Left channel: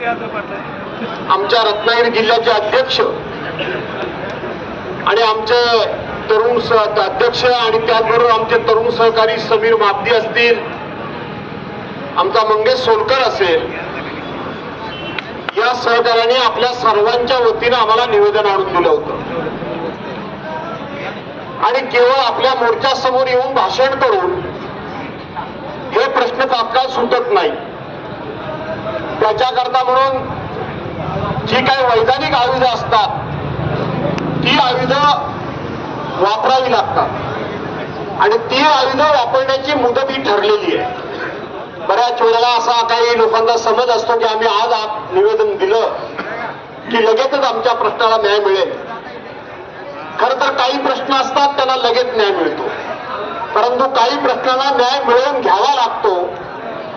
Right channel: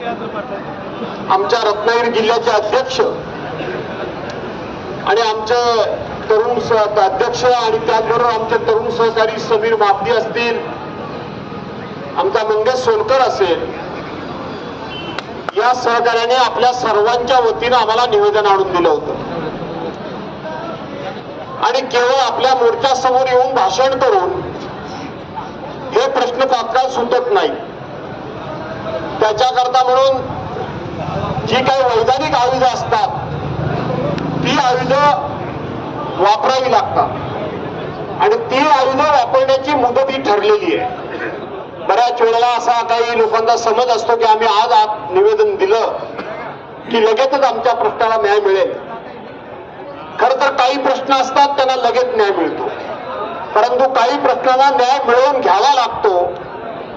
आमच्या रत्नागिरी जिल्ह्याचे अध्यक्ष आणि आमचे तरुण अध्यक्ष आणि त्याचबरोबर आमचे तरुण सहकारी समीर मापदी असतील, आमचा मंगेश सोलकर असेल, या सहकार्याने आपल्या सर्वांच्या वतीने आम्हाला निवेदन आणून दिलं होतं आणि केवळ आपल्या मोर्चासमोर येऊन भाषण करून हे प्रश्न तात्काळ सुटत नाही. त्याच्याकरता म्हणून जी काही वैधानिक आयुधं असतात ती आयुधं वापरावी लागतात आणि ती आयुधं वापरण्याची मुदत ही ठरलेली आहे. बऱ्याच वेळेला असा काही लोकांचा समज असतो की आम्ही आज निवेदन दिलं की लगेचच आमच्या प्रश्नाला न्याय मिळेल. खरं तर काही प्रश्न असतात त्यांना लगेच न्याय मिळतो, परंतु काही प्रश्नांना न्याय मिळवून घ्यावा लागतो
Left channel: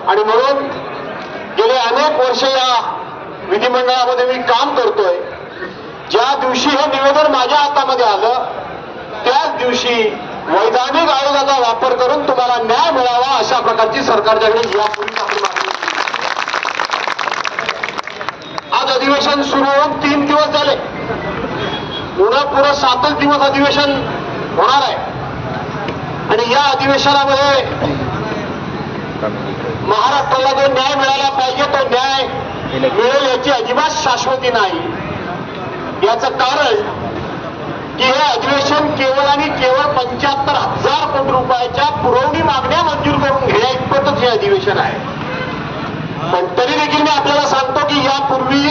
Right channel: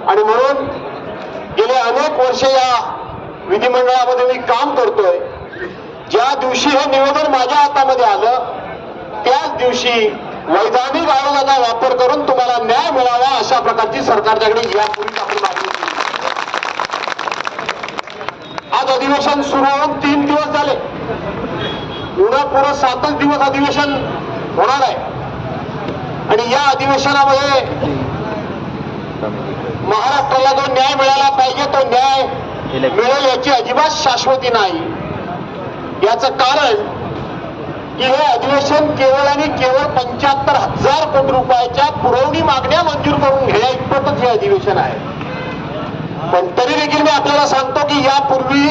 आणि म्हणून गेले अनेक वर्ष या विधिमंडळामध्ये मी काम करतोय. ज्या दिवशी हे निवेदन माझ्या हातामध्ये आलं त्याच दिवशी वैधानिक आयोगाचा वापर करून तुम्हाला न्याय मिळावा अशा प्रकारची सरकारच्याकडे यापूर्वी आपण मागणी केली. आज अधिवेशन सुरू होऊन 3 दिवस झाले. पुढं पुढं 7च दिवस अधिवेशन होणार आहे आणि या अधिवेशनामध्ये महाराष्ट्राला जो न्याय मिळाला पाहिजे तो न्याय मिळेल याची अजिबात शाश्वती नाही. याचं कारण की हे अधिवेशन केवळ आणि केवळ 75,000 कोटी रुपयाच्या पुरवणी मागण्या मंजूर करून घेण्या इतपतच हे अधिवेशन आहे. पण तरी देखील मी आपल्याला सांगतो की यापूर्वी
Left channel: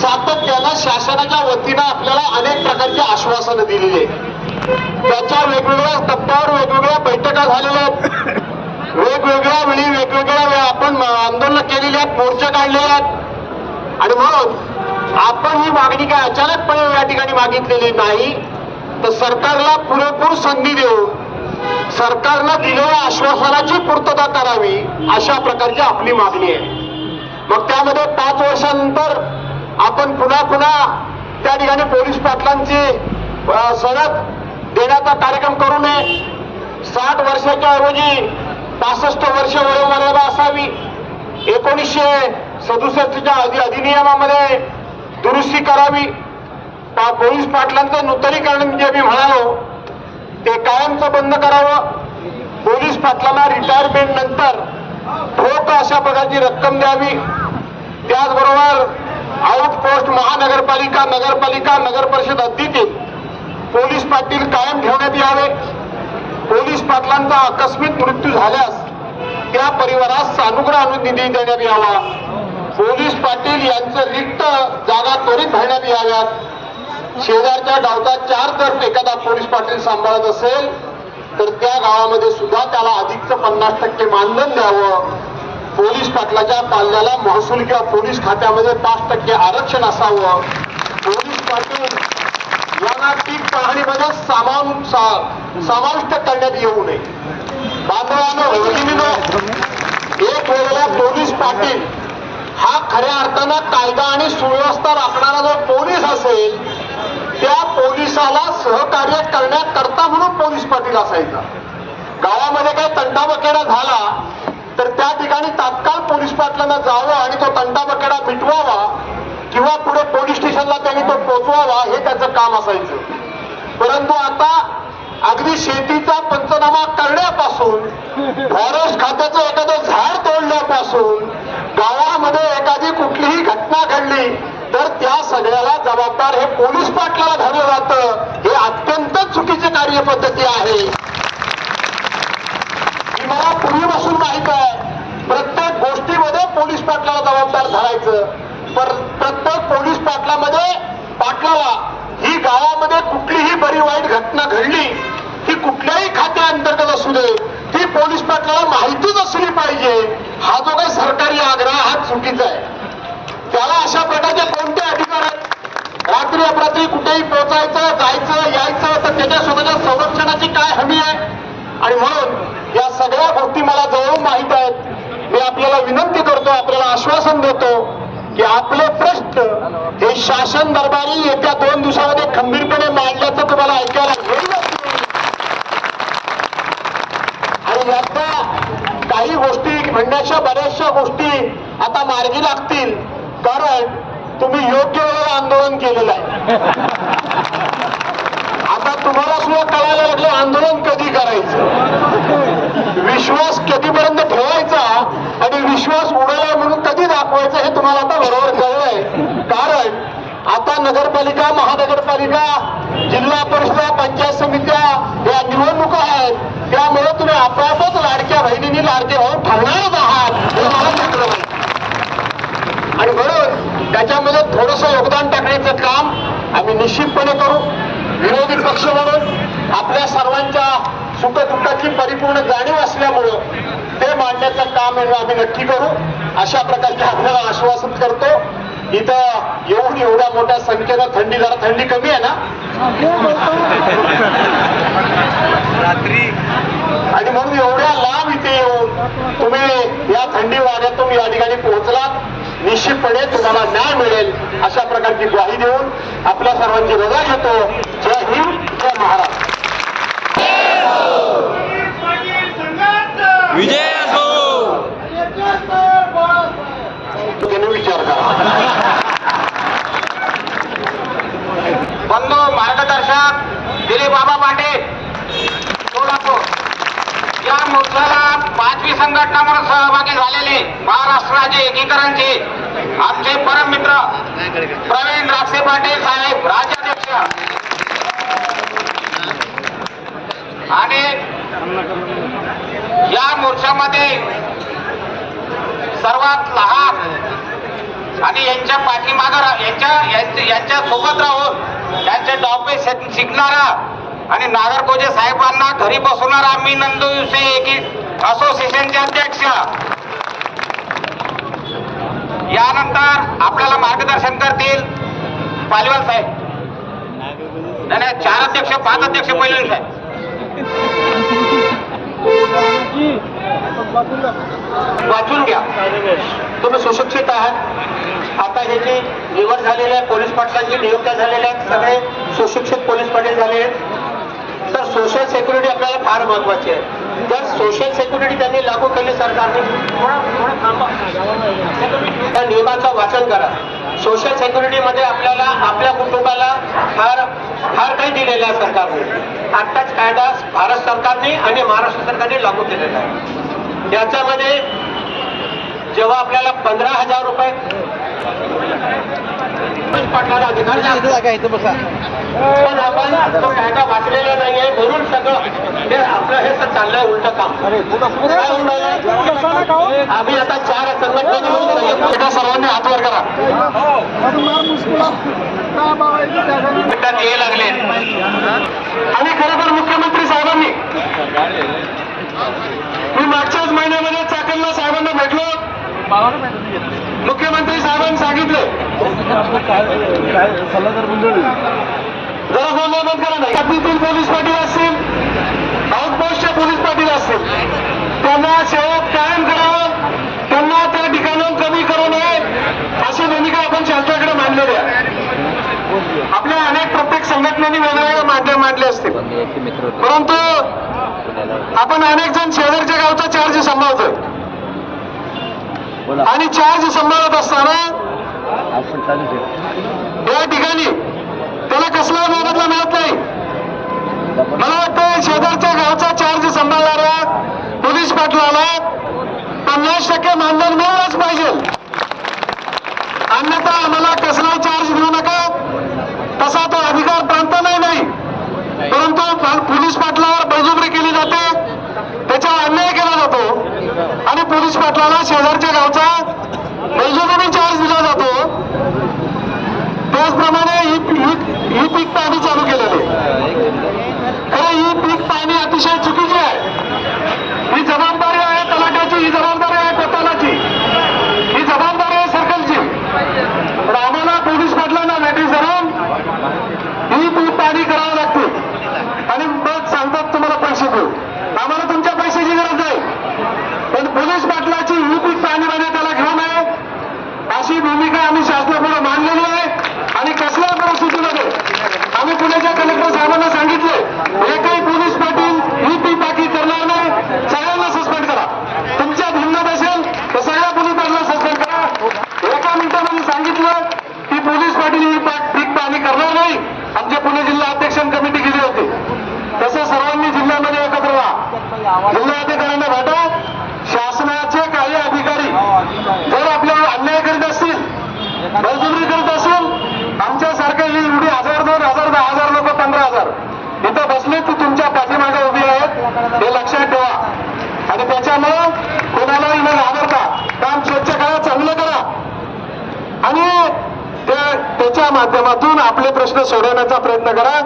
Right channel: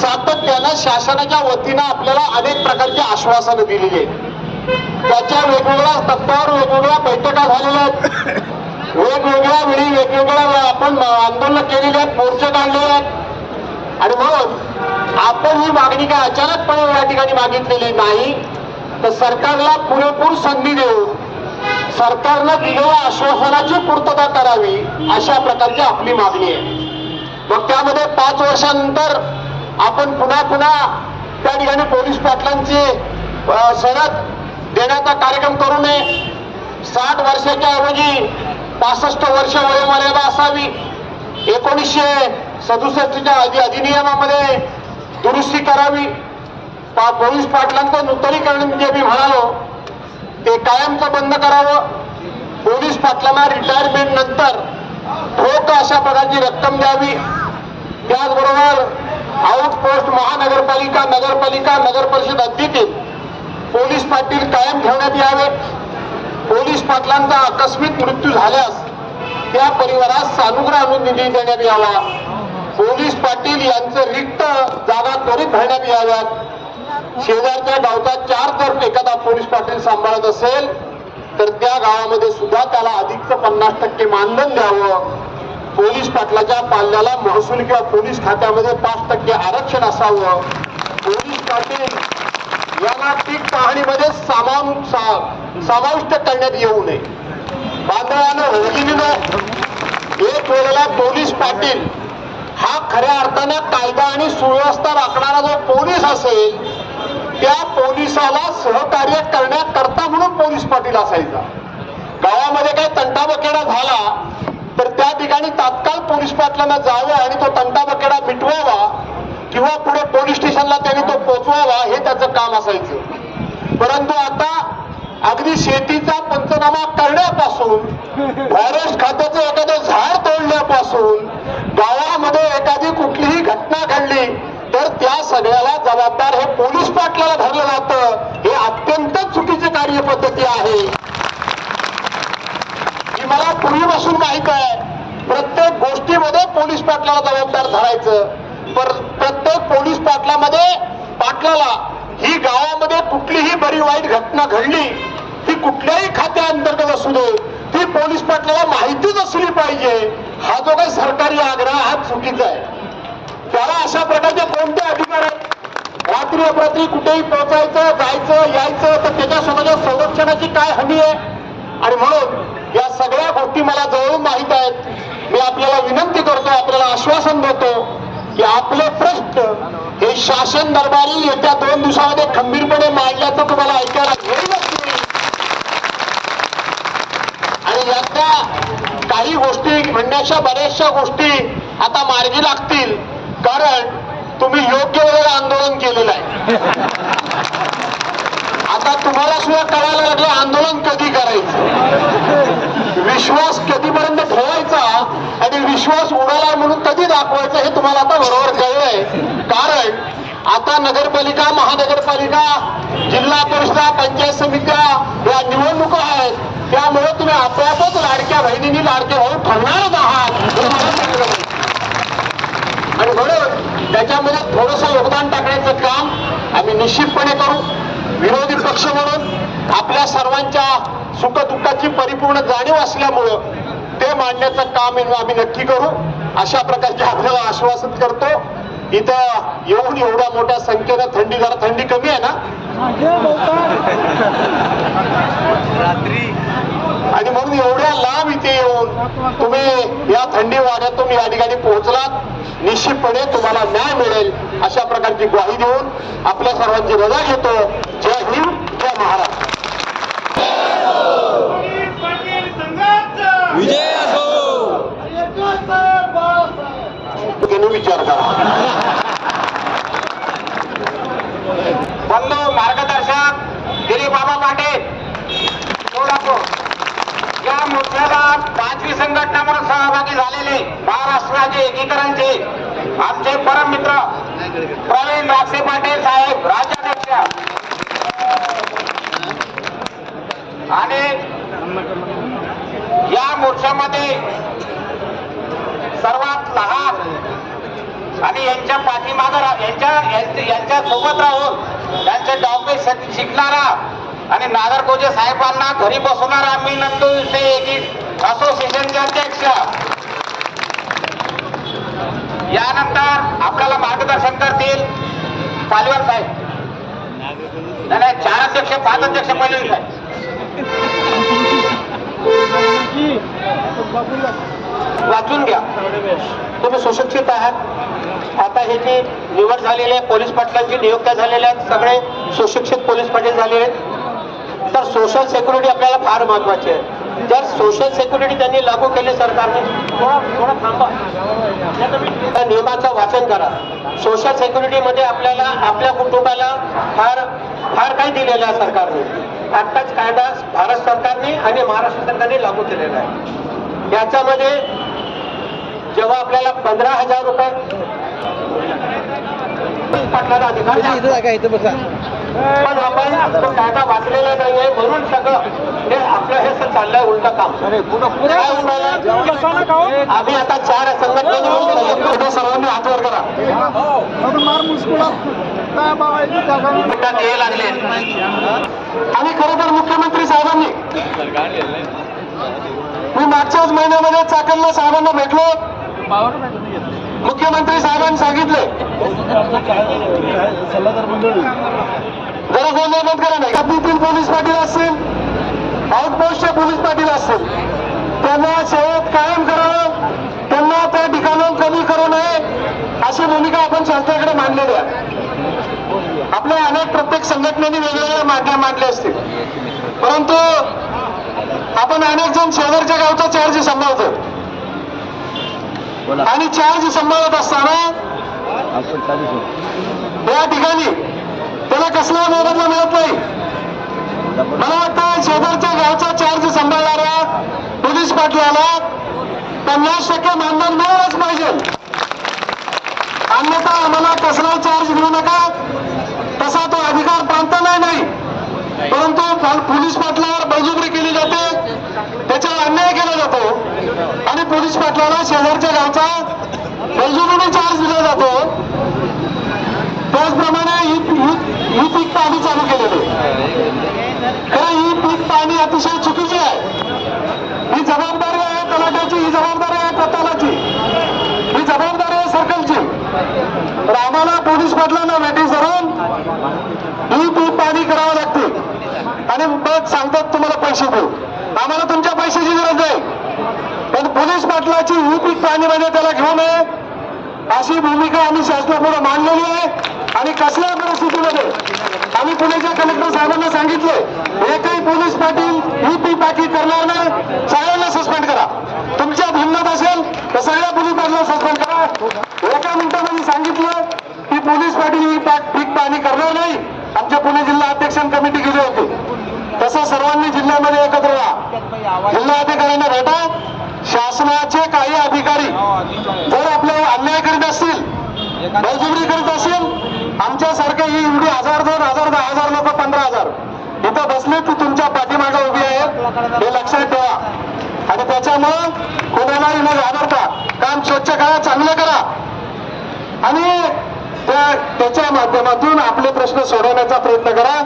सातत्यानं शासनाच्या वतीनं आपल्याला अनेक प्रकारची आश्वासनं दिलेली आहेत. त्याच्या वेगवेगळ्या टप्प्यावर वेगवेगळ्या बैठका झालेल्या आहेत. वेगवेगळ्या वेळी वेगवेगळ्या आपण आंदोलन केलेली आहेत, मोर्चे काढलेले आहेत आणि म्हणून आपण ही मागणी काय अचानकपणे या ठिकाणी मागितलेली नाही, तर सरकारला पुरेपूर संधी देऊन सरकारनं दिलेल्या आश्वासनाची पूर्तता करावी अशा प्रकारची आपली मागणी आहे. मग त्यामध्ये 5 वर्षानंतर आपण पुन्हा त्या ठिकाणी पोलीस पाटलांची सनद देण्याचा कार्यक्रम करू नये. 60 वर्षाच्या ऐवजी 65 वर्ष वयोमर्यादा असावी. 1967च्या अधिनियमामध्ये दुरुस्ती करावी. पोलीस पाटलांचं नूतनीकरण जे मी म्हणालो ते कायमचं बंद करावं. पोलीस पाटलांना रिटायरमेंट नंतर ठोक अशा प्रकारची रक्कम द्यावी. त्याचबरोबर आउटपोस्ट महानगरपालिका, नगरपालिका, नगरपरिषद हद्दीतील पोलीस पाटील कायम ठेवण्यात यावे. पोलीस पाटलांचा आकस्मिक मृत्यू झाल्यास त्या परिवारास सानुग्रह निधी देण्यात यावा. पोलीस पाटील यांचे रिक्त जागा त्वरित भरण्यात याव्यात. शेजारच्या गावचा 4 जर एखादा पोलीस पाटील सांभाळत असेल तर त्या गावामध्ये सुद्धा त्याला अधिकचं 50% मानधन द्यावं. पोलीस पाटलाच्या पाल्याला महसूल किंवा पोलीस खात्यामध्ये 5% आरक्षण असावं. पोलीस पाटील यांना पीक पाहणीमध्ये समाविष्ट करण्यात येऊ नये. बांधवांनो, भगिनींनो, एक वेळेला पोलीस पाटील हा खऱ्या अर्थानं कायदा आणि सुव्यवस्था राखणारा जो पोलीस असेल त्या पोलिसाला सहकार्य करण्याकरता म्हणून पोलीस पाटील असायचा. गावामध्ये काही तंटाबकेडा झाला तर त्या ठिकाणी तात्काळ पोलीस पाटलांना जावं आणि तो तंटाबकेडा मिटवावा किंवा पुढे पोलीस स्टेशनला त्यांनी तो पोचवावा हे त्याचं काम असायचं. परंतु आता अगदी शेतीचा पंचनामा करण्यापासून, फॉरेस्ट खात्याचं एखादं झाड तोडण्यापासून, गावामध्ये एखादी कुठलीही घटना घडली तर त्या सगळ्याला जबाबदार हे पोलीस पाटलाला धरलं जातं. हे अत्यंत चुकीची कार्यपद्धती आहे. ही मला पूर्वीपासून माहित आहे. प्रत्येक गोष्टीमध्ये पोलीस पाटलाला जबाबदार धरायचं. प्रत्येक पोलीस पाटलाला ही गावामध्ये कुठलीही बरी वाईट घटना घडली ती कुठल्याही खात्याअंतर्गत असू दे ती पोलीस पाटलाला माहितीच असली पाहिजे. हा जो काही सरकारी आग्रह हा चुकीचा आहे. त्याला अशा प्रकारचे कोणते अधिकार आहेत? रात्री अपरात्री कुठेही पोहोचायचं, जायचं, यायचं, तर त्याच्या स्वतःच्या संरक्षणाची काय हमी आहे? आणि म्हणून या सगळ्या गोष्टी मला जवळून माहीत आहेत. मी आपल्याला विनंती करतो, आपल्याला आश्वासन देतो की आपले प्रश्न हे शासन दरबारी येत्या 2 दिवसामध्ये खंबीरपणे मांडल्याचं तुम्हाला ऐकायला मिळेल आणि याचा काही गोष्टी म्हणण्याच्या बऱ्याचशा गोष्टी आता मार्गी लागतील. कारण तुम्ही योग्य वेळेला आंदोलन केलेलं आहे. आता तुम्हाला सुद्धा कळायला लागलं आंदोलन कधी करायचं, विश्वास कधीपर्यंत ठेवायचा आणि विश्वास उडाला म्हणून कधी दाखवायचा हे तुम्हाला आता बरोबर कळलंय. कारण आता नगरपालिका, महानगरपालिका, जिल्हा परिषद, पंचायत समित्या या निवडणुका आहेत. त्यामुळे तुम्ही आपोआपच लाडक्या बहिणींनी लाडके भाऊ ठरणारच आहात हे मला सांगलं पाहिजे. आणि म्हणून त्याच्यामध्ये थोडंसं योगदान टाकण्याचं काम आम्ही निश्चितपणे करू. विरोधी पक्ष म्हणून आपल्या सर्वांच्या सुखदुःखाची परिपूर्ण जाणीव असल्यामुळं ते मांडण्याचं काम आम्ही नक्की करू अशा प्रकारचे आपल्याला आश्वासन करतो. इथं येऊन एवढ्या मोठ्या संख्येनं जरा थंडी कमी आहे ना आणि म्हणून एवढ्या लांब इथे येऊन तुम्ही या थंडी वाऱ्यातून या ठिकाणी पोहोचलात. निश्चितपणे तुम्हाला न्याय मिळेल अशा प्रकारची ग्वाही देऊन आपल्या सर्वांची रजा घेतो. जय हिंद, जय महाराष्ट्र. विजय असो. त्यांनी विचार करा. बंधू मार्गदर्शक दिलीप बाबा पाटील सोलापूर या मोर्चाला 5वी संघटना म्हणून सहभागी झालेले महाराष्ट्र राज्य एकीकरणचे आमचे परम मित्र प्रवीण राक्षे पाटील साहेब राज्याध्यक्ष आणि या मोर्चामध्ये सर्वात लहान आणि यांच्या पाठीमागं यांच्या सोबत राहून त्यांचे डावपे शिकणारा आणि नागरगोजे साहेबांना घरी बसवणारा मी नंदू असोसिएशनचे अध्यक्ष. यानंतर आपल्याला मार्गदर्शन करतील पालवाल साहेब. नाही 4 अध्यक्ष 5 अध्यक्ष पालवाल साहेब. वाचून घ्या. तुम्ही सुशिक्षित आहात. आता ह्याची निवड झालेली आहे, पोलीस पाटलांची नियुक्त्या झालेल्या आहेत, सगळे सुशिक्षित पोलीस पाटील झालेले आहेत. तर सोशल सेक्युरिटी आपल्याला फार महत्वाची आहे. जर सोशल सेक्युरिटी त्यांनी लागू केली सरकारने, थोडं थांबा, त्या नियमाचं वाचन करा. सोशल सेक्युरिटीमध्ये आपल्याला आपल्या कुटुंबाला फार काही दिलेलं आहे सरकारने. आत्ताच कायदा भारत सरकारने आणि महाराष्ट्र सरकारने लागू केलेला आहे. याच्यामध्ये जेव्हा आपल्याला 15,000 रुपये पाटलाला अधिकार पण आपण तो कायदा वाचलेला नाहीये म्हणून सगळं हे आपलं हे चाललंय उलट काम. काय उडालं? आम्ही आता 4 संघटनेने मिळून सर्वांनी हात वर करा. ये लागले आणि खरं तर मुख्यमंत्री साहेबांनी मी मागच्याच महिन्यामध्ये चाकणला साहेबांना भेटलो. मुख्यमंत्री साहेबांनी सांगितले जरा गोंधळ बंद करा. नाही त्यातील पोलीस पाटील असतील, आउटपोस्टचे पोलीस पाटील असतील, त्यांना सेवेत कायम करावं, त्यांना त्या ठिकाणाहून कमी करू नये अशी भूमिका आपण शासनाकडे मांडलेली आहे. आपल्या प्रत्येक संघटनेने वेगवेगळे माध्यम मांडले असतील, परंतु आपण अनेक जण शेजारच्या गावचा चार्ज सांभाळतो आणि चार्ज सांभाळत असताना या ठिकाणी त्याला कसला मोबदला मिळत नाही. मला वाटतं शेजारच्या गावचा चार्ज सांभाळणारा पोलीस पाटलाला 50% मानधन मिळालंच पाहिजे. अन्यथा आम्हाला कसला चार्ज मिळू नका तसा तो अधिकार प्रांताला नाही. परंतु पोलीस पाटलावर बळजबरी केली जाते, त्याच्यावर अन्याय केला जातो आणि पोलीस पाटलाला शेजारच्या गावचा बळजबरीने चार्ज दिला जातो. त्याचप्रमाणे ही पीक पाणी चालू केलेली खरं ही पीक पाणी अतिशय चुकीची आहे. ही जबाबदारी आहे तलाठ्याची, ही जबाबदारी आहे कोतालाची, ही जबाबदारी आहे सर्कलची. तर आम्हाला पोलीस पाटलांना नोटीस धरून ही पीक पाणी करावं लागते आणि मग सांगतात तुम्हाला पैसे देऊ. आम्हाला तुमच्या पैशाची गरज नाही, पण पोलीस पाटलाची ही पीक पाणी मध्ये त्याला घेऊ नये अशी भूमिका आम्ही शासनापुढे मांडलेली आहे. आणि कसल्याही परिस्थितीमध्ये आम्ही पुण्याच्या कलेक्टर साहेबांना सांगितले एकही पोलीस पाटील ही पीक पाकी करणार नाही, सगळ्यांना सस्पेंड करा. तुमच्या भिन्नत असेल तर सगळ्या पोलीस पाटलांना सस्पेंड करा. एका मिनिटामध्ये सांगितलं. पोलीस पाटील ही पीक पाहणी करणार नाही. आमच्या पुणे जिल्हा अध्यक्ष कमिटी गेली होती. तसं सर्वांनी जिल्ह्यामध्ये एकत्र व्हा, जिल्हाधिकाऱ्यांना भेटा. शासनाचे काही अधिकारी जर आपल्याला अन्याय करीत असतील, बळजबरी करीत असेल, आमच्यासारखे ही एवढी 1000, 2000, 10,000 लोक, 15,000 इथं बसले ती तुमच्या पाठीमागे उभी आहेत हे लक्षात ठेवा. आणि त्याच्यामुळं कोणालाही न घाबरता काम स्वच्छ करा, चांगलं करा आणि त्याच्या माध्यमातून आपले प्रश्न सोडवण्याचा प्रयत्न करा.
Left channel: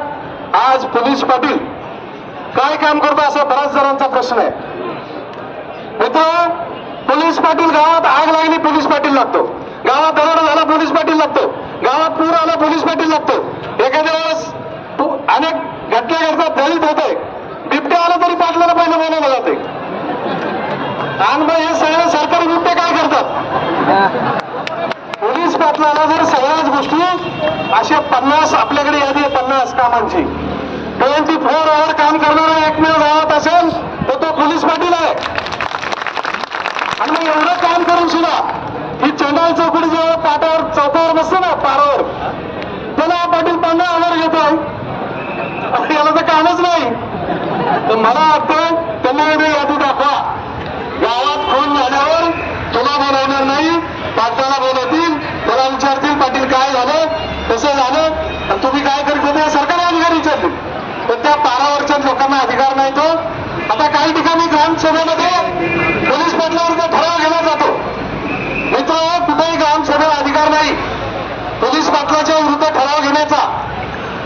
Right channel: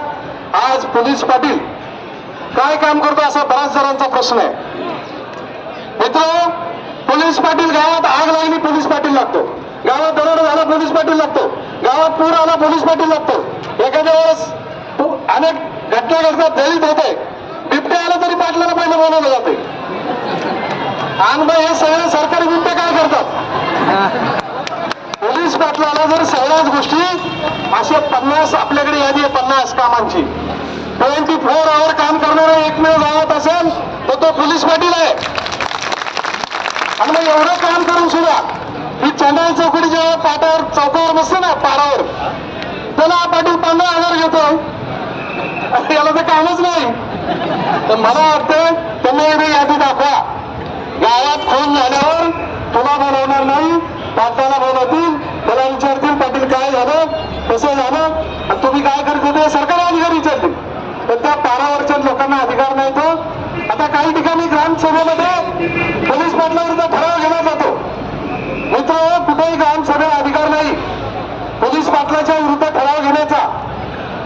आज पोलीस पाटील काय काम करतो असा बऱ्याच जणांचा प्रश्न आहे. मित्र, पोलीस पाटील गावात आग लागली पोलीस पाटील लागतो, गावात दरोडा झाला पोलीस पाटील लागतो, गावात पूर आला पोलीस पाटील लागतो. एखाद्या वेळेस अनेक घटना घडतात, दलित होते, बिबटे आला तरी पाटलाला पहिलं बोलावलं जाते. आणि मग हे सगळे सरकारी बिबटे काय करतात? पोलीस पाटलाला जर सगळ्याच गोष्टी असे 50 आपल्याकडे यादी आहे 50 कामांची, 24 आवर काम करणारा एकमेव गावात असेल तर तो पोलीस पाटील आहे. आणि मग एवढं काम करून सुद्धा ही चंडाल चौकडी जेव्हा पाटावर चौकावर बसते ना पारावर, त्याला पाटील 15,000 घेतो. याला तर कामच नाही. तर मला वाटतं त्यांनी यादी दाखवा. गावात खून झाल्यावर तुला बोलवणार नाही, पाटलाला बोलवतील, त्याला विचारतील पाटील काय झालं, कसं झालं, आणि तुम्ही काय करत होते सरकारी अधिकारी विचारतील. पण त्या पारावरच्या लोकांना अधिकार नाही तो. आता काही ठिकाणी ग्रामसभेमध्ये पोलीस पाटलावर ठराव घेतला जातो. मित्र, कुठेही ग्रामसभेला अधिकार नाही पोलीस पाटलाच्या विरुद्ध ठराव घेण्याचा.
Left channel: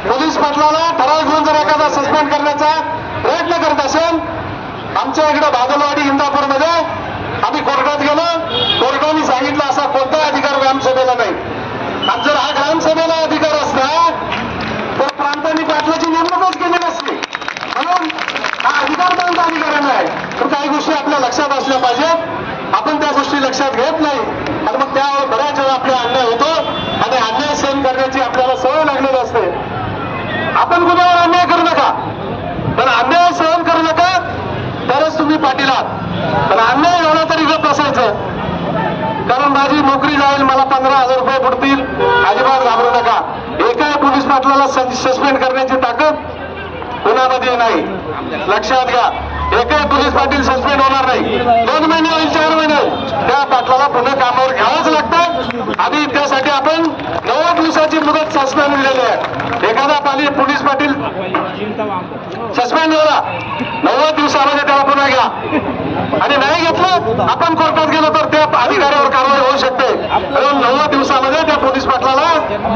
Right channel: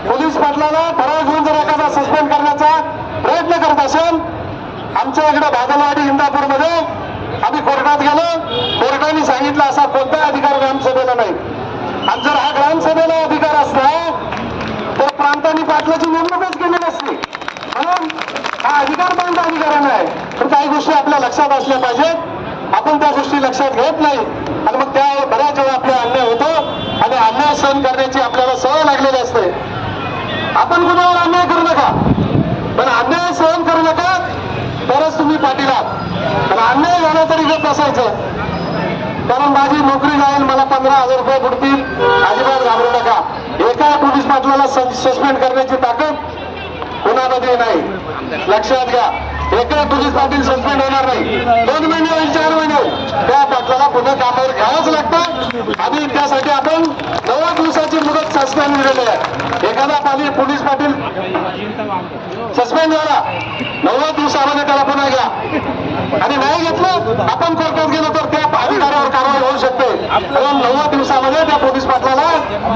पोलीस पाटलाला ठराव घेऊन जर एखादा सस्पेंड करण्याचा प्रयत्न करत असेल, आमच्या इकडे भागलवाडी इंदापूरमध्ये आम्ही कोर्टात गेलो, कोर्टाने सांगितलं असा कोणताही अधिकार ग्रामसभेला नाही. आणि जर हा ग्रामसभेला अधिकार असता तर प्रांतांनी पाटलाची नेमणूकच केली नसती. म्हणून हा अधिकार कोणता अधिकाऱ्यांना आहे. तर काही गोष्टी आपल्या लक्षात असल्या पाहिजेत. आपण त्या गोष्टी लक्षात घेत नाही आणि मग त्या बऱ्याच वेळा आपला अन्याय होतो आणि अन्याय सहन करण्याची आपल्याला सवय लागलेली असते. आपण कुणावर अन्याय करू नका, पण अन्याय सहन करू नका तरच तुम्ही पाटील आहात. पण अन्याय झाला तरी गप बसायचं, कारण माझी नोकरी जाईल, मला 15,000 रुपये बुडतील, अजिबात घाबरू नका. एका पोलीस पाटलाला सस्पेंड करण्याची ताकद कुणामध्ये नाही, लक्षात घ्या. एका पोलीस पाटील सस्पेंड होणार नाही. 2 महिने होईल, 4 महिने होईल, त्या पाटलाला पुन्हा कामावर घ्यावंच लागतं. आणि त्यासाठी आपण 9 दिवसाची मुदत सस्पेंड दिलेली आहे. एखादा पोलीस पाटील सस्पेंड झाला 9 दिवसामध्ये त्याला पुन्हा घ्या, आणि नाही घेतलं आपण कोर्टात गेलो तर त्या अधिकाऱ्यावर कारवाई होऊ शकते. म्हणून 9 दिवसामध्ये त्या पोलीस पाटलाला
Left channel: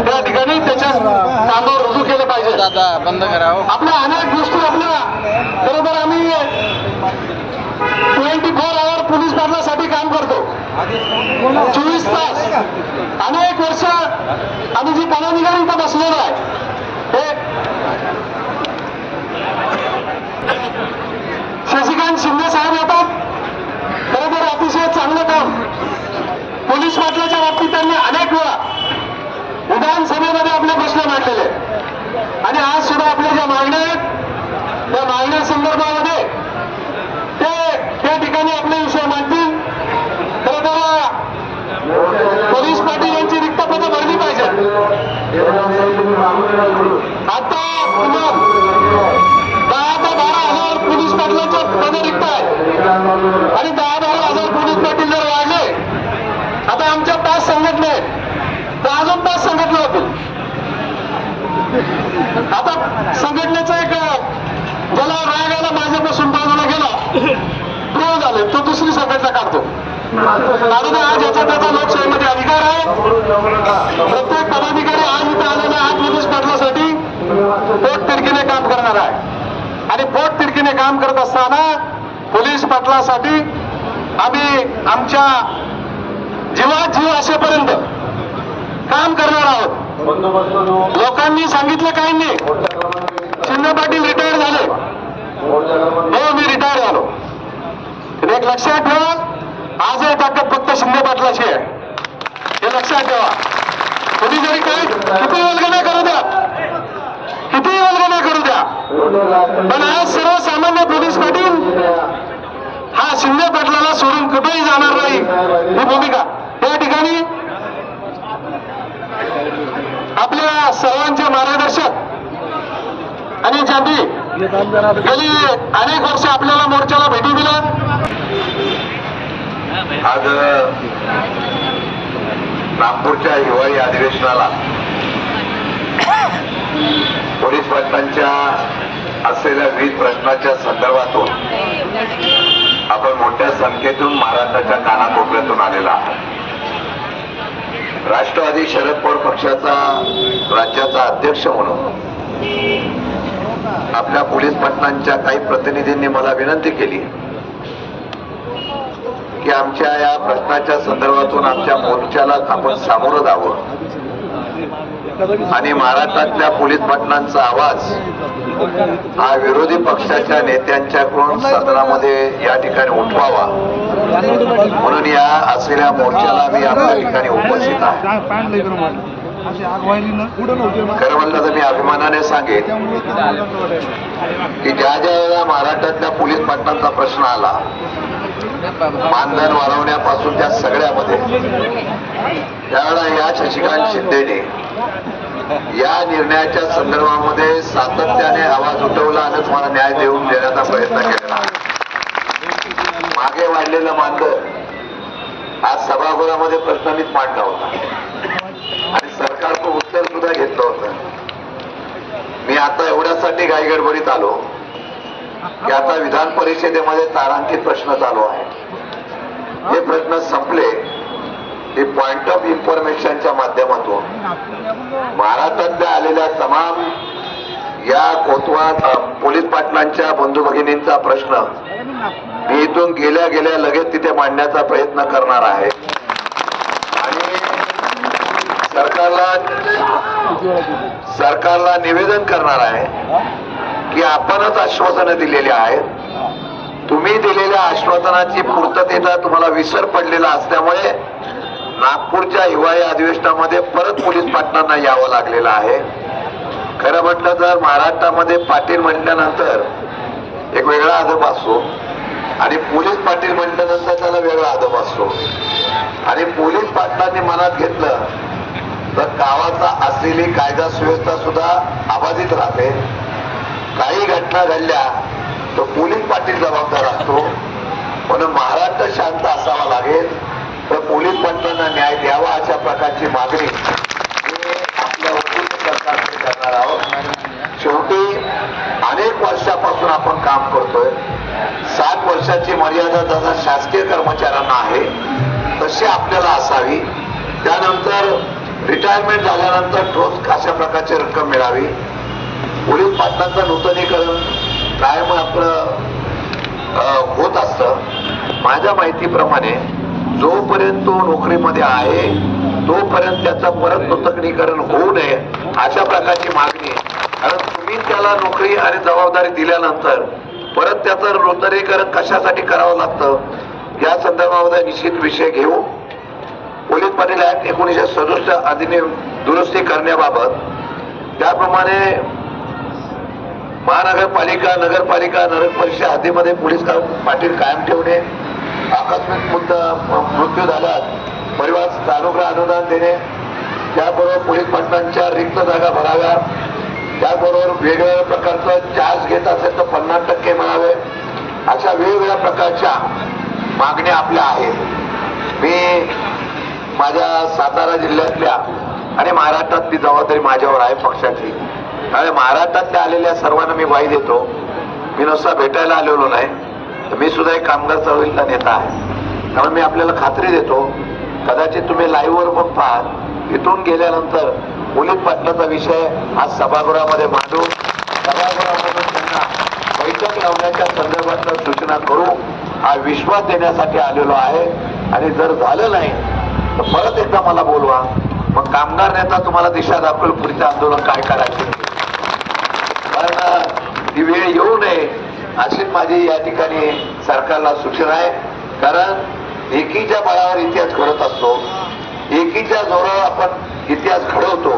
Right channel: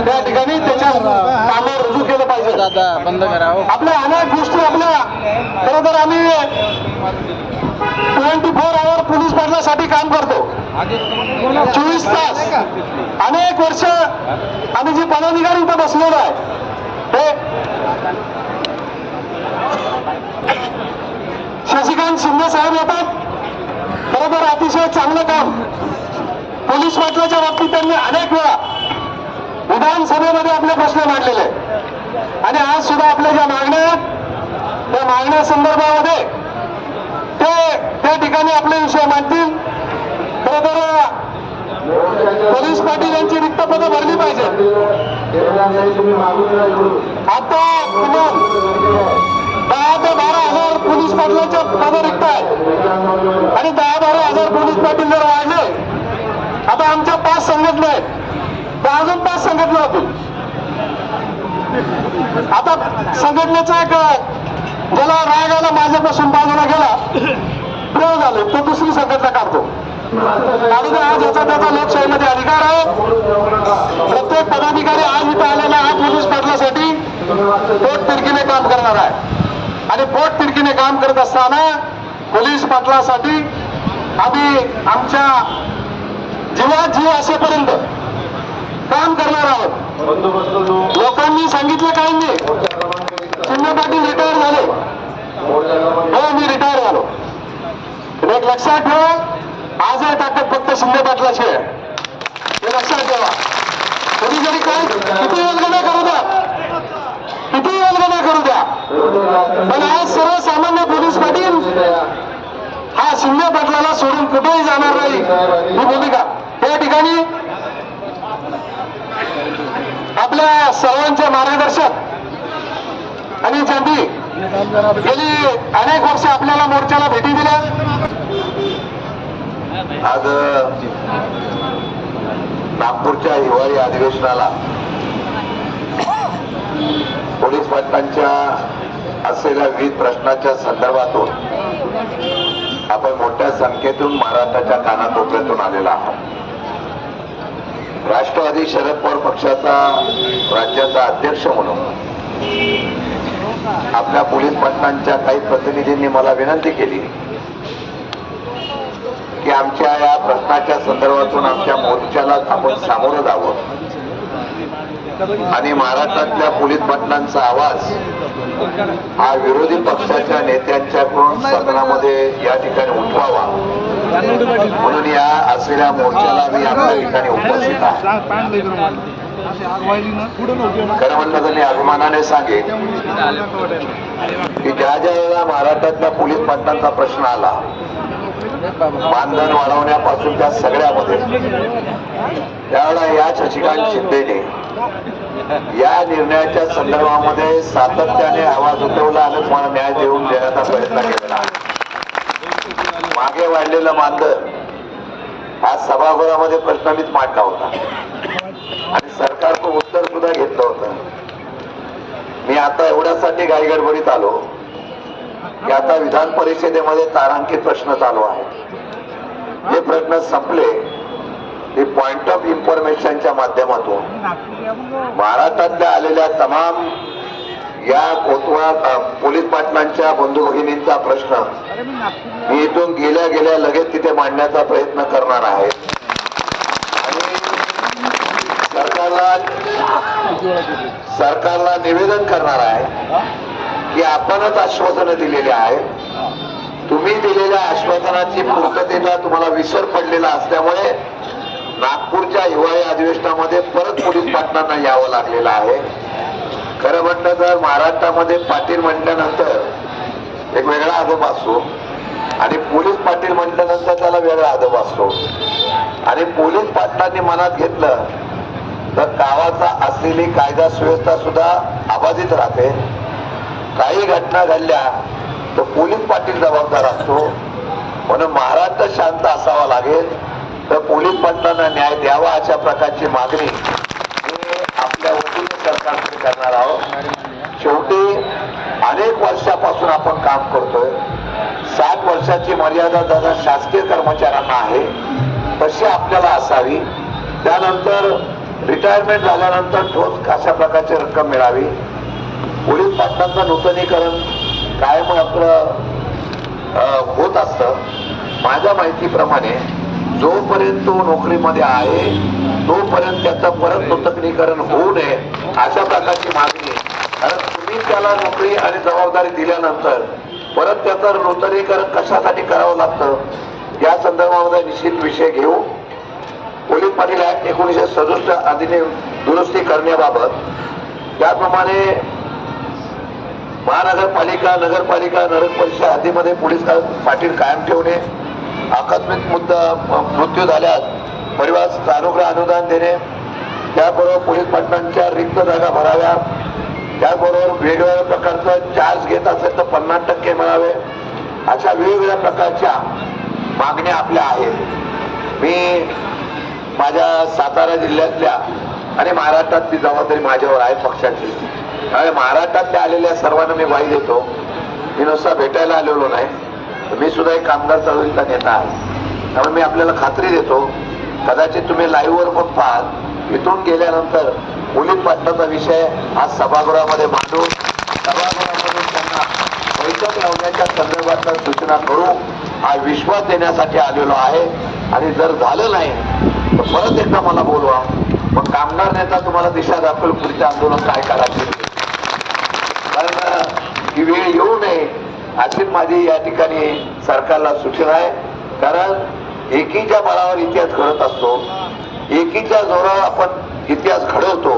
त्या ठिकाणी त्याच्या कामावर रुजू केलं पाहिजे. आपल्या अनेक गोष्टी आपल्या खरं तर आम्ही 24 आवर पोलीस पाटलासाठी काम करतो, 24 तास. अनेक वर्ष आम्ही जी पदाधिकारी इथं बसलेलो आहे शशिकांत शिंदे साहेब होतात. खरं तर अतिशय चांगलं काम पोलीस पाटलाच्या बाबतीत त्यांनी अनेक वेळा विधानसभेमध्ये आपले प्रश्न मांडलेले आणि आज सुद्धा आपल्या ज्या मागण्या आहेत त्या मागण्या संदर्भामध्ये त्या ठिकाणी आपले विषय मांडतील. खरं तर पोलीस पाटील यांची रिक्त पदं भरली पाहिजेत. आता किमान 10 ते 12,000 पोलीस पाटलांच्या पदं रिक्त आहेत आणि 10-12,000 पोलीस पाटील जर वाढले, आता आमच्या 5 संघटना आहेत तर अजून 5 संघटना होतील. आता संघटनेचा एक ज्याला राग आला माझ्यापासून बाजूला गेला प्रो झाले तो दुसरी संघटना काढतो. आणि ज्याचा त्याचा लोकशाहीमध्ये अधिकार आहे. प्रत्येक पदाधिकारी आज इथं आलेला हा पोलीस पाटलासाठी पोट तिरकीने काम करणार आहे आणि पोट तिरकीने काम करत असताना पोलीस पाटलासाठी आम्ही आमच्या जीवात जीव असेपर्यंत काम करणार आहोत. लोकांनी सांगितलं काही नाही, शिंदे पाटील रिटायर झाले, हो मी रिटायर झालो. एक लक्षात ठेवा, आजही ताकद फक्त शिंदे पाटलाची आहे, हे लक्षात ठेवा. तुम्ही जरी काही किती वल्गने करू द्या, किती वल्गने करू द्या, पण आज सर्वसामान्य पोलीस पाटील हा शिंदे पाटलाला सोडून कुठेही जाणार नाही ही भूमिका त्या ठिकाणी आपल्या सर्वांचे मार्गदर्शक आणि ज्यांनी गेली अनेक वर्ष आपल्याला मोर्चाला भेटी दिल्या. आज नागपूरच्या हिवाळी अधिवेशनाला पोलीस पाटलांच्या असलेल्या विविध प्रश्नाच्या संदर्भातून आपण मोठ्या संख्येतून महाराष्ट्राच्या कानाकोपऱ्यातून आलेला आहात. राष्ट्रवादी शरद पवार पक्षाचा राज्याचा अध्यक्ष म्हणून आपल्या पोलीस पाटलांच्या काही प्रतिनिधींनी मला विनंती केली की आमच्या या प्रश्नाच्या संदर्भातून आमच्या मोर्चाला आपण सामोरं जावं आणि महाराष्ट्रातल्या पोलीस पाटलांचा आवाज हा विरोधी पक्षाच्या नेत्यांच्याकडून सदनामध्ये या ठिकाणी उठवावा म्हणून या असलेल्या मोर्चाला मी आपल्या ठिकाणी उपस्थित आहे. खरं म्हणलं तर मी अभिमानाने सांगेन की ज्या वेळेला महाराष्ट्रातल्या पोलीस पाटलांचा प्रश्न आला, मानधन वाढवण्यापासून त्या सगळ्यामध्ये, त्यावेळेला या शशिकांत शिंदेने या निर्णयाच्या संदर्भामध्ये सातत्याने आवाज उठवला आणि तुम्हाला न्याय देण्याचा प्रयत्न केलेला. मागे वाढलेलं मानधन आज सभागृहामध्ये प्रश्नमित मांडला होता आणि सरकारचं उत्तर सुद्धा घेतलं होतं. मी आता एवढ्यासाठी घाईगडबडीत आलो की आता विधान परिषदेमध्ये तारांकित प्रश्न चालू आहे. हे प्रश्न संपले की पॉइंट ऑफ इन्फॉर्मेशनच्या माध्यमातून महाराष्ट्रातल्या आलेल्या तमाम या कोतवाल पोलीस पाटलांच्या बंधू भगिनींचा प्रश्न मी इथून गेल्या लगेच तिथे मांडण्याचा प्रयत्न करणार आहे आणि सरकारला निवेदन करणार आहे की आपणच आश्वासनं दिलेली आहेत. तुम्ही दिलेल्या आश्वासनाची पूर्ततेचा तुम्हाला विसर पडलेला असल्यामुळे नागपूरच्या हिवाळी अधिवेशनामध्ये परत पोलीस पाटलांना यावं लागलेलं आहे. खरं म्हटलं तर महाराष्ट्रामध्ये पाटील म्हटल्यानंतर एक वेगळा अदब असतो आणि पोलीस पाटील म्हटल्यानंतर त्याला वेगळा अदब असतो आणि पोलीस पाटलांनी मनात घेतलं तर गावाचा असलेली कायदा सुव्यवस्था सुद्धा अबाधित राहते. काही घटना घडल्या तर पोलीस पाटील जबाबदार असतो. म्हणून महाराष्ट्र शांत असावा लागेल तर पोलीस पाटलांना न्याय द्यावा अशा प्रकारची मागणी आपल्या वतीने सरकारकडे करणार आहोत. शेवटी अनेक वर्षापासून आपण काम करतोय. 7 वर्षाची मर्यादा जसा शासकीय कर्मचाऱ्यांना आहे तशी आपल्याला असावी. त्यानंतर रिटायरमेंट झाल्यानंतर ठोस अशा प्रकारची रक्कम मिळावी. पोलीस पाटलांचं नूतनीकरण कायम आपलं होत असतं. माझ्या माहितीप्रमाणे जोपर्यंत तो नोकरीमध्ये आहे तोपर्यंत त्याचं परत नूतनीकरण होऊ नये अशा प्रकारची मागणी. कारण तुम्ही त्याला नोकरी आणि जबाबदारी दिल्यानंतर परत त्याचं नूतनीकरण कशासाठी करावं लागतं या संदर्भामध्ये निश्चित विषय घेऊ. पोलीस पाटील ऍक्ट 1967 अधिनियम दुरुस्ती करण्याबाबत त्याप्रमाणे महानगरपालिका, नगरपालिका, नगर परिषद हद्दीमध्ये पोलीस पाटील कायम ठेवणे, आकस्मिक मृत्यू झाल्यास परिवार सानुग्रह अनुदान देणे, त्याबरोबर पोलीस पाटलांच्या रिक्त जागा भराव्या, त्याबरोबर वेगवेगळ्या प्रकारचं चार्ज घेत असेल तर 50% मिळावे, अशा वेगवेगळ्या प्रकारच्या मागण्या आपल्या आहेत. मी माझ्या सातारा जिल्ह्यातल्या आणि महाराष्ट्रातली जबाबदारी माझ्यावर आहे पक्षाची. आणि महाराष्ट्रातल्या आलेल्या सर्वांना मी वाई देतो. मी नुसता भेटायला आलेलो नाही, मी सुद्धा एक कामगार चळवळीचा नेता आहे. त्यामुळे मी आपल्याला खात्री देतो, कदाचित तुम्ही लाईव्हवर पण पाहाल, इथून गेल्यानंतर पोलीस पाटलाचा विषय आज सभागृहामध्ये मांडू, सभागृहामधून त्यांना बैठक लावण्याच्या संदर्भात सूचना करू हा विश्वास देण्यासाठी आलेलो आहे. आणि जर झालं नाही तर परत एकदा मला बोलवा, मग कामगार नेता तुम्हाला दिशा दाखवेल पुढचे आंदोलन काय करायचे. कारण ही वेळ येऊ नये अशीच माझी या ठिकाणी सरकारला सूचना आहे. कारण एकीच्या बळावर इतिहास घडत असतो, एकीच्या जोरावर आपण इतिहास घडवतो.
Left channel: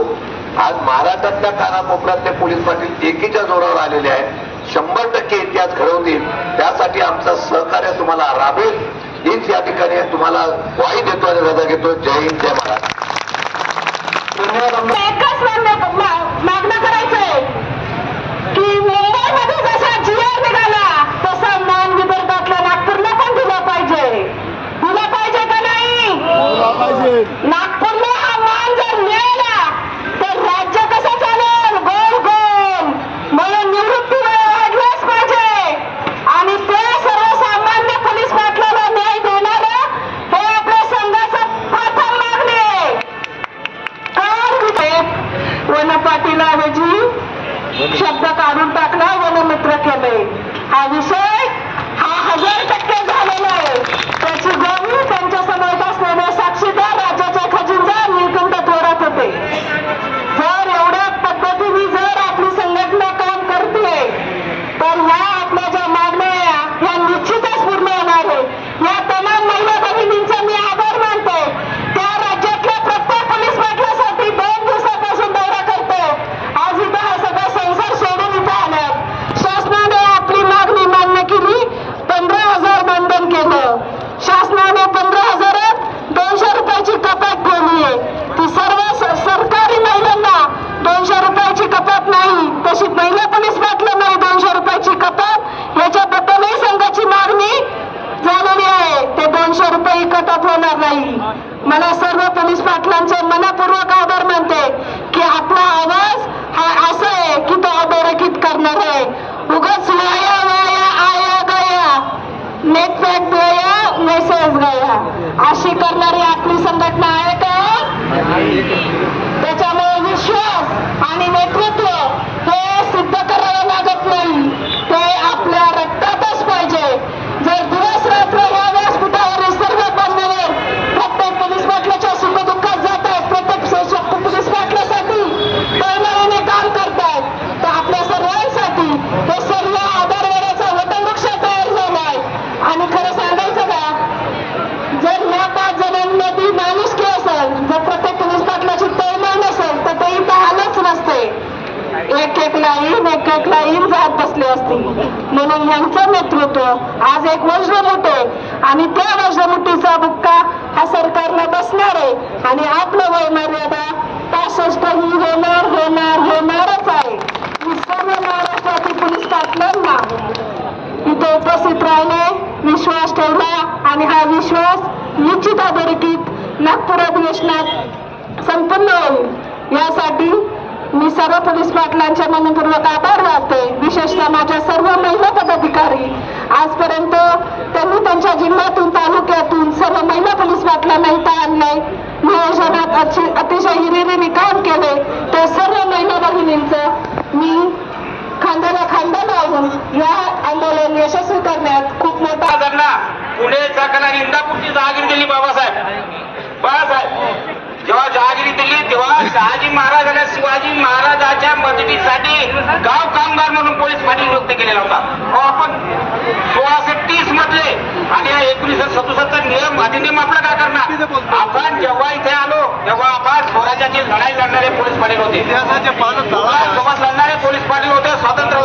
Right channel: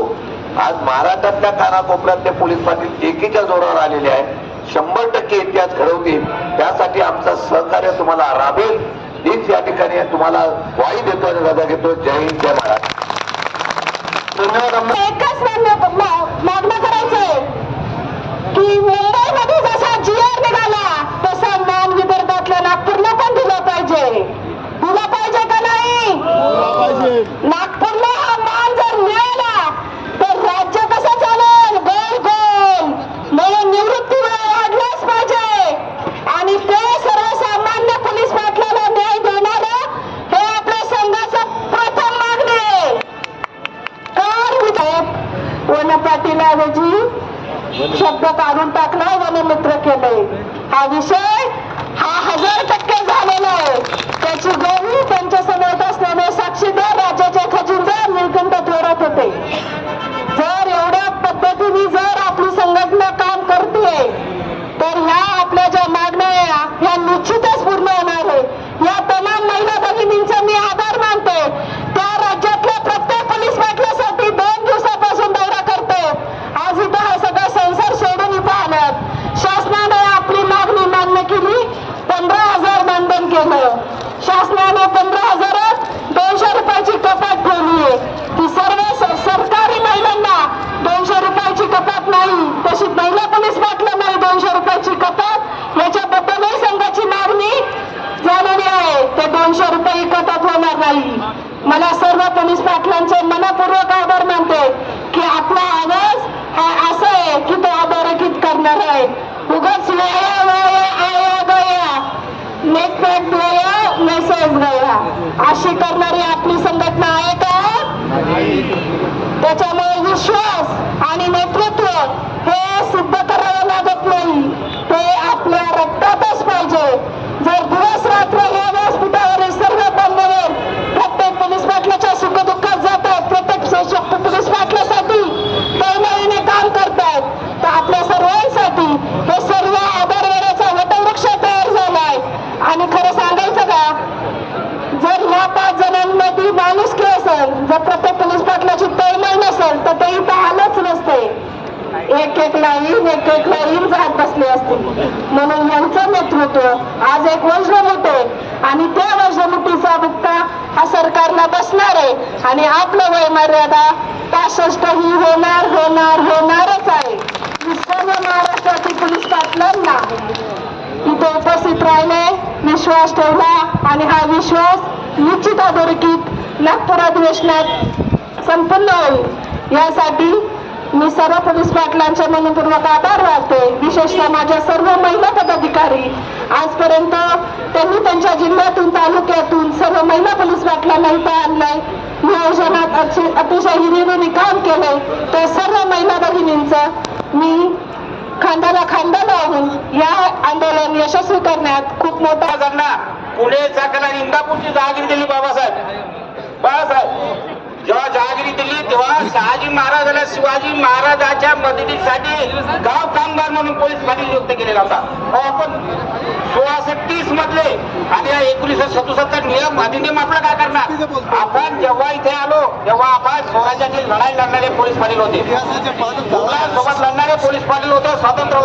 आज महाराष्ट्रातल्या कानाकोपऱ्यातले पोलीस पाटील एकीच्या जोरावर आलेले आहेत. 100% इतिहास घडवतील. त्यासाठी आमचं सहकार्य तुम्हाला लाभेल हीच या ठिकाणी तुम्हाला ग्वाही देतो आणि रजा घेतो. जय हिंद, जय महाराष्ट्र. धन्यवाद. वनपाटीलऐवजी शब्द काढून टाकला, वनमित्र केलंय. हा विषय हा 1000% झालेला आहे. त्याची गोवी त्यांच्या समोर असलेले साक्षीदार राज्याचे खजिनदार निळकंठ थोरात होते. जर एवढ्या पद्धतीने जर आपली संघटना काम करते तर ह्या आपल्या ज्या मागण्या ह्या निश्चितच पूर्ण होणार आहे. या तमाम महिला भगिनींचा मी आभार मानतो. त्या राज्यातल्या प्रत्येक पोलीस पाटलासाठी 2 दिवसापासून दौरा करते. आज इथं हा सगळा संसार सोडून इथं आल्यात. शासनाने आपली मागणी मान्य केली. 15,000 मानधन केलं. शासनाने 15,000 200 रुपयाची कपात ठेवली आहे. ती सर्व सरकारी महिलांना 200 रुपयाची कपात नाही, तशी महिला पोलीस पाटलांना 200 रुपयाची कपात, याच्याबद्दलही संघाची मागणी झालेली आहे. ते 200 रुपये कपात होणार नाही. मला सर्व पोलीस पाटलांचे मनपूर्वक आभार मानते की आपला आवाज हा असं आहे की तो अधोरेखित करणार आहे. उगाच वाया वाया आया गया, नेट पॅक गया, मेसेज गया अशी करणारी आपली संघटना आहे का? त्याच्यामुळे विश्वास आणि नेतृत्व हे सिद्ध करावं लागत नाही, ते आपल्या रक्तातच पाहिजे. जर दिवस रात्र या व्यासपीठावरील सर्व बंधवर प्रत्येक पोलीस पाटलाच्या सुखदुःखात जातात, प्रत्येक पोलीस पाटलासाठी तळमळीने काम करतात, तर आपल्या सर्वांसाठी हे सर्व आधारवडाचा वटवृक्ष तयार झालाय. आणि खरं सांगायचं का, जर ह्या 5 जणांमध्ये माणुसकी असेल, जर प्रत्येक पोलीस पाटलाची तळमळ नसेल तर ते इथं आलंच नसते. एक लाईन जात बसले असते. म्हणून यांचं नेतृत्व आज एक वज्रमुठ आहे आणि त्या वज्रमुठीचा बुक्का हा सरकारला बसणार आहे. आणि आपलं वय मर्यादा 65 ही होणारच आहे. मी सर्व महाराष्ट्रातील पोलीस पाटलांना इथे उपस्थित राहिले, विश्वास ठेवला आणि हा विश्वास निश्चित अधोरेखित नागपूर अधिवेशनात संपन्न होईल. यासाठी मी सर्व पोलीस पाटलांच्या मनपूर्वक आभार मानते. विशेषतः माझ्या सर्व महिला पदाधिकारी, आजपर्यंत त्यांनी त्यांच्या जिल्ह्यातून तालुक्यातून सर्व महिला पोलीस पाटलांना इथं आणलंय. नियोजनात अतिशय हिरिरीने काम केलंय. त्या सर्व महिला भगिनींचं मी खांद्याला खांदा लावून या आंदोलन यशस्वी करण्यात खूप मोठा पुणे चाकणा इंदापूरची जहागिरी दिली बाळासाहेब. जेव्हा जहागिरी दिली तेव्हा शहाजी महाराज आणि शिवाजी महाराजांच्या मदतीसाठी गाव कामगार म्हणून पोलीस पाटील नियुक्त केलेला होता. आपण 1630 मधले आणि 1977 नियम अधिनियम आपला काय करणार. आपण जेव्हा इथे आलो तेव्हा आपण स्वराज्याची लढाई लढणारे पोलीस पाटील होते, सोबत लढणारे पोलीस पाटील होते, स्वातंत्र्य